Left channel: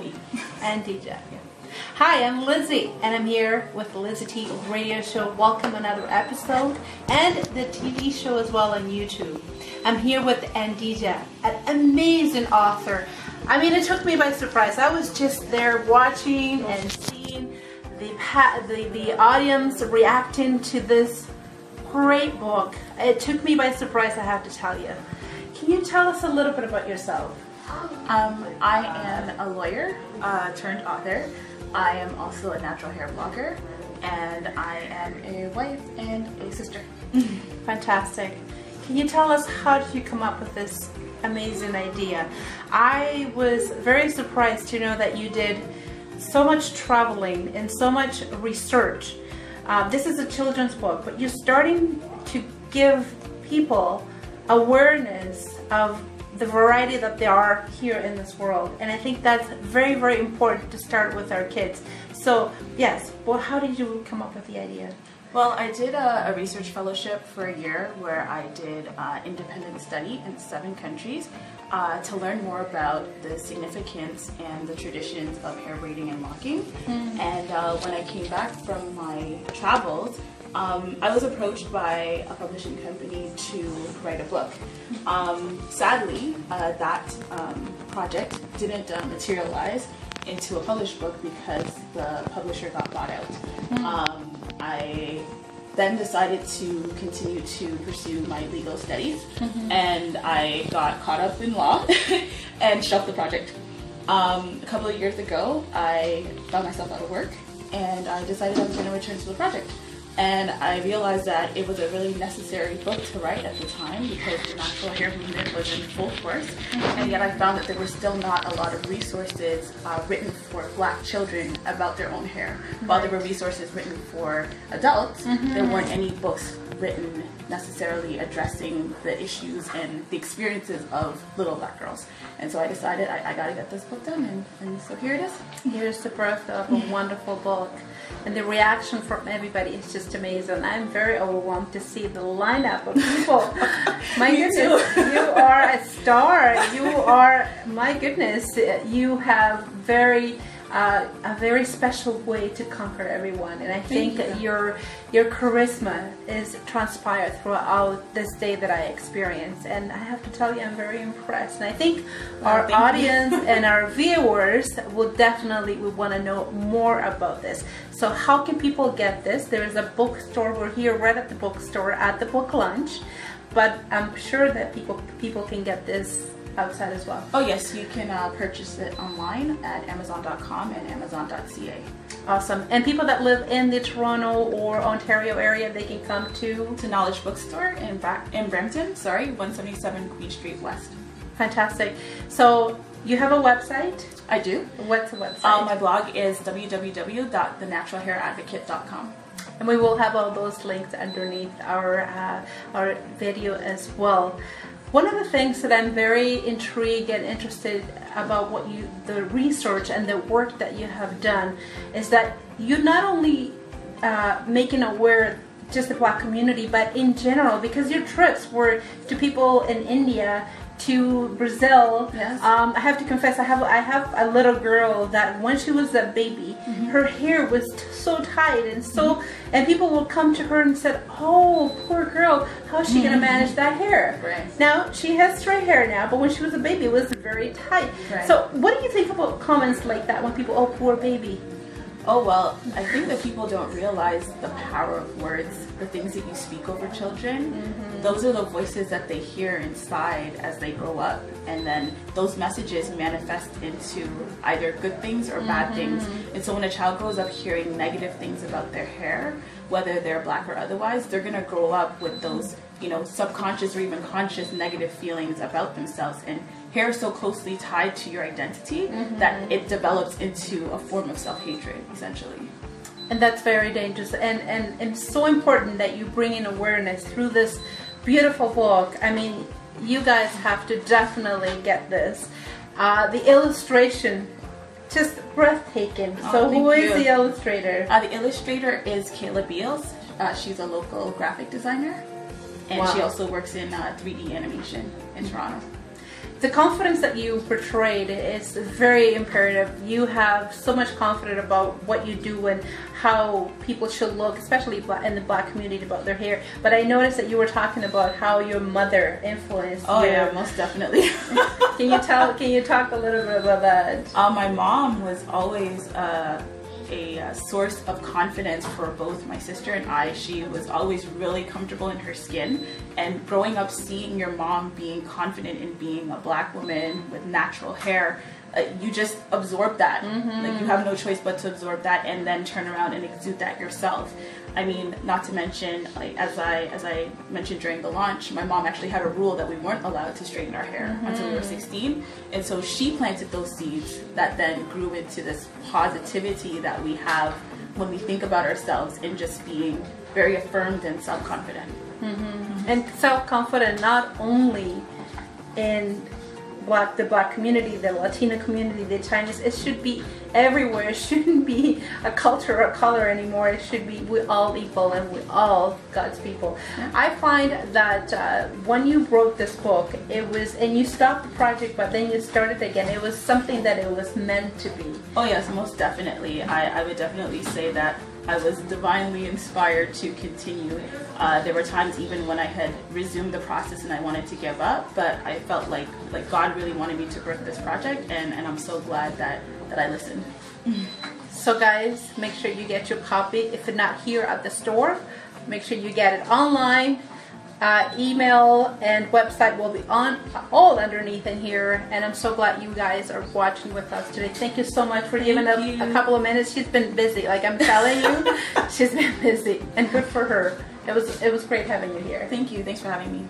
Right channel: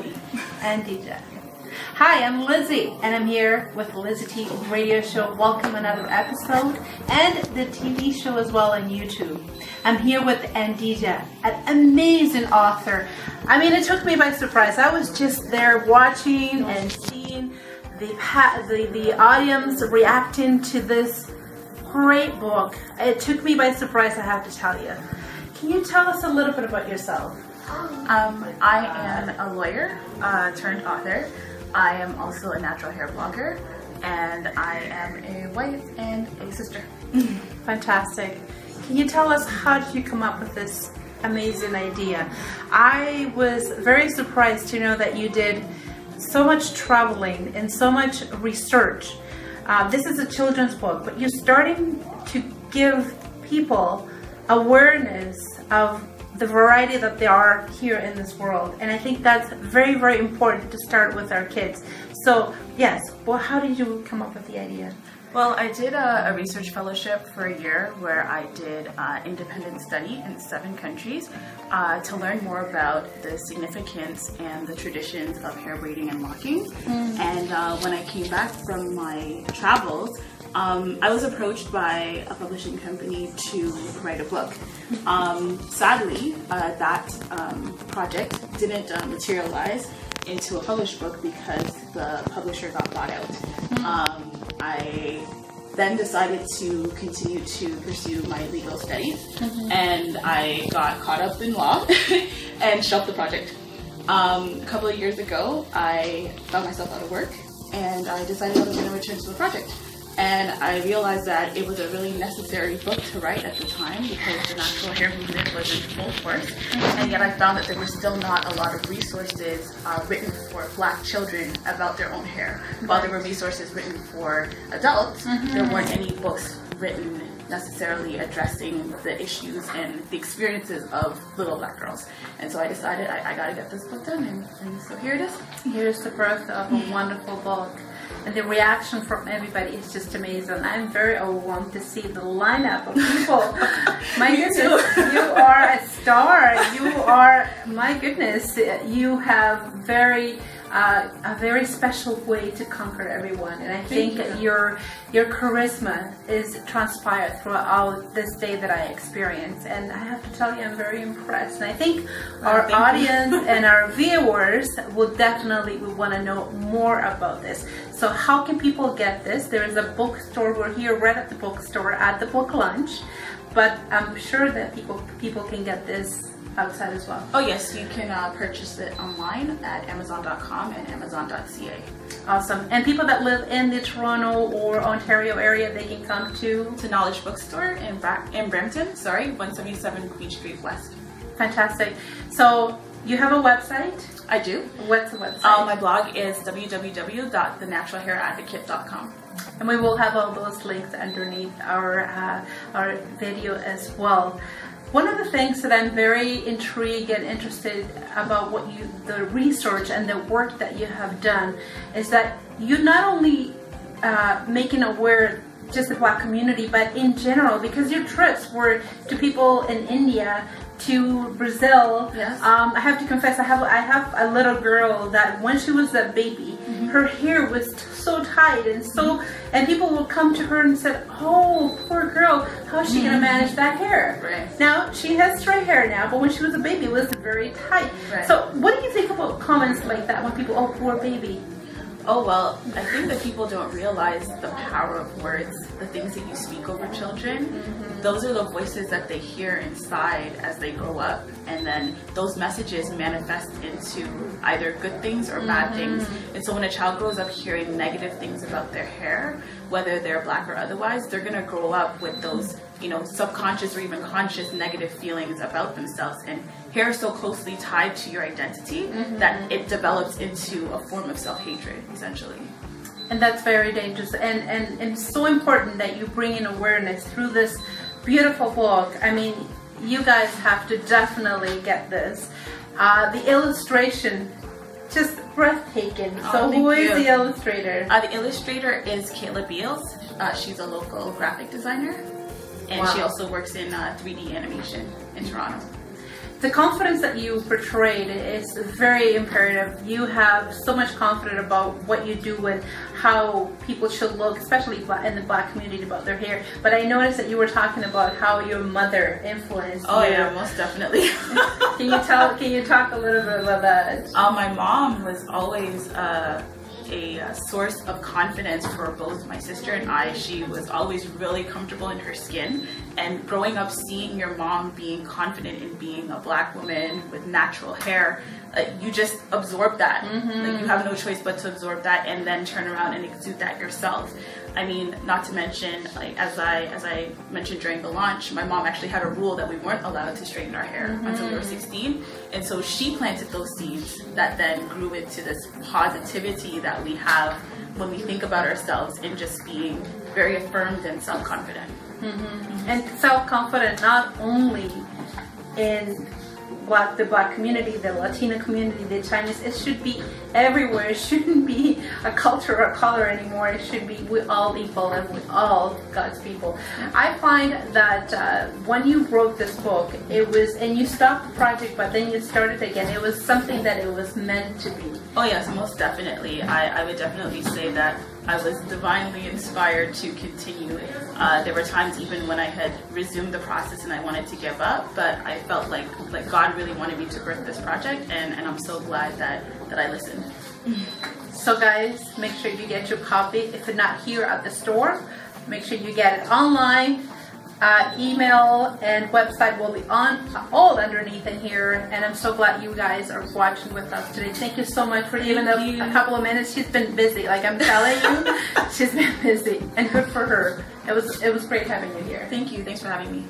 and DJ. Hi, I'm Lizzie, and I'm here with the LizyT radio show. Welcome another episode, and the TV show as well on YouTube. I'm here with Ndija, an amazing author. I mean, it took me by surprise. I was just there watching and seeing the audience reacting to this great book. It took me by surprise, I have to tell you. Can you tell us a little bit about yourself? I am a lawyer turned author. I am also a natural hair blogger, and I am a wife and a sister. Fantastic. Can you tell us, how did you come up with this amazing idea? I was very surprised to know that you did so much traveling and so much research. This is a children's book, but you're starting to give people awareness of the variety that there are here in this world, and I think that's very, very important to start with our kids. So yes, well, how did you come up with the idea? Well, I did a research fellowship for a year where I did independent study in 7 countries to learn more about the significance and the traditions of hair braiding and locking. And when I came back from my travels, I was approached by a publishing company to write a book. Sadly, that project didn't materialize into a published book because the publisher got bought out. I then decided to continue to pursue my legal studies, and I got caught up in law and shelved the project. A couple of years ago, I found myself out of work, and I decided I was going to return to the project. And I realized that it was a really necessary book to write at the time because the natural hair movement was in full force. And yet I found that there were still not a lot of resources written for Black children about their own hair. While there were resources written for adults, there weren't any books written necessarily addressing the issues and the experiences of little Black girls. And so I decided I gotta get this book done, and so here it is. Here's the birth of a wonderful book. And the reaction from everybody is just amazing. I'm very overwhelmed to see the lineup of people. My goodness, you are a star. You are, my goodness, you have a very special way to conquer everyone. And I think that your charisma is transpired throughout this day that I experienced. And I have to tell you, I'm very impressed. And I think our audience and our viewers will definitely want to know more about this. So how can people get this? There is a bookstore. We're here right at the bookstore at the book lunch. But I'm sure that people can get this outside as well. Oh yes, you can purchase it online at Amazon.com and Amazon.ca. Awesome. And people that live in the Toronto or Ontario area, they can come to Knowledge Bookstore in Brampton, 177 Queen Street West. Fantastic. So you have a website? I do. What's the website? My blog is www.thenaturalhairadvocate.com. And we will have all those links underneath our video as well. One of the things that I'm very intrigued and interested about the research and the work that you have done is that you not only making aware just the Black community, but in general, because your trips were to people in India, to Brazil. Yes. I have to confess, I have a little girl that when she was a baby, her hair was so tight and so, and people would come to her and said, "Oh, poor girl, how's she gonna manage that hair?" Right. Now she has straight hair now, but when she was a baby, it was very tight. Right. So, what do you think about comments like that when people, "Oh, poor baby"? Oh, well, I think that people don't realize the power of words, the things that you speak over children. Those are the voices that they hear inside as they grow up. And then those messages manifest into either good things or bad things. And so when a child grows up hearing negative things about their hair, whether they're Black or otherwise, they're going to grow up with those, subconscious or even conscious negative feelings about themselves. And hair is so closely tied to your identity that it develops into a form of self-hatred, essentially. And that's very dangerous. And it's so important that you bring in awareness through this beautiful book. I mean, you guys have to definitely get this. The illustration, just breathtaking. So who is the illustrator? The illustrator is Kayla Beals. She's a local graphic designer. And she also works in 3D animation in Toronto. the confidence that you portrayed is very imperative. You have so much confidence about what you do and how people should look, especially in the Black community, about their hair. But I noticed that you were talking about how your mother influenced. Oh yeah, most definitely. Can you talk a little bit about that? My mom was always a source of confidence for both my sister and I. She was always really comfortable in her skin, and growing up seeing your mom being confident in being a Black woman with natural hair, you just absorb that. Like, you have no choice but to absorb that and then turn around and exude that yourself. I mean, not to mention, like, as I mentioned during the launch, my mom actually had a rule that we weren't allowed to straighten our hair until we were 16. And so she planted those seeds that then grew into this positivity that we have when we think about ourselves, and just being very affirmed and self-confident. And self-confident not only in the Black community, the Latino community, the Chinese, it should be everywhere. It shouldn't be a culture or a color anymore. It should be we're all equal and we're all God's people. I find that when you wrote this book, it was, and you stopped the project, but then you started again. It was something that it was meant to be. Oh yes, most definitely. I would definitely say that I was divinely inspired to continue. There were times even when I had resumed the process and I wanted to give up, but I felt like God really wanted me to birth this project, and I'm so glad that I listened. So guys, make sure you get your copy. If it's not here at the store, make sure you get it online. Email and website will be on all underneath in here, and I'm so glad you guys are watching with us today. Thank you so much for giving us a couple of minutes. She's been busy, like I'm telling you. She's been busy, and good for her. It was great having you here. Thank you. Thanks for having me.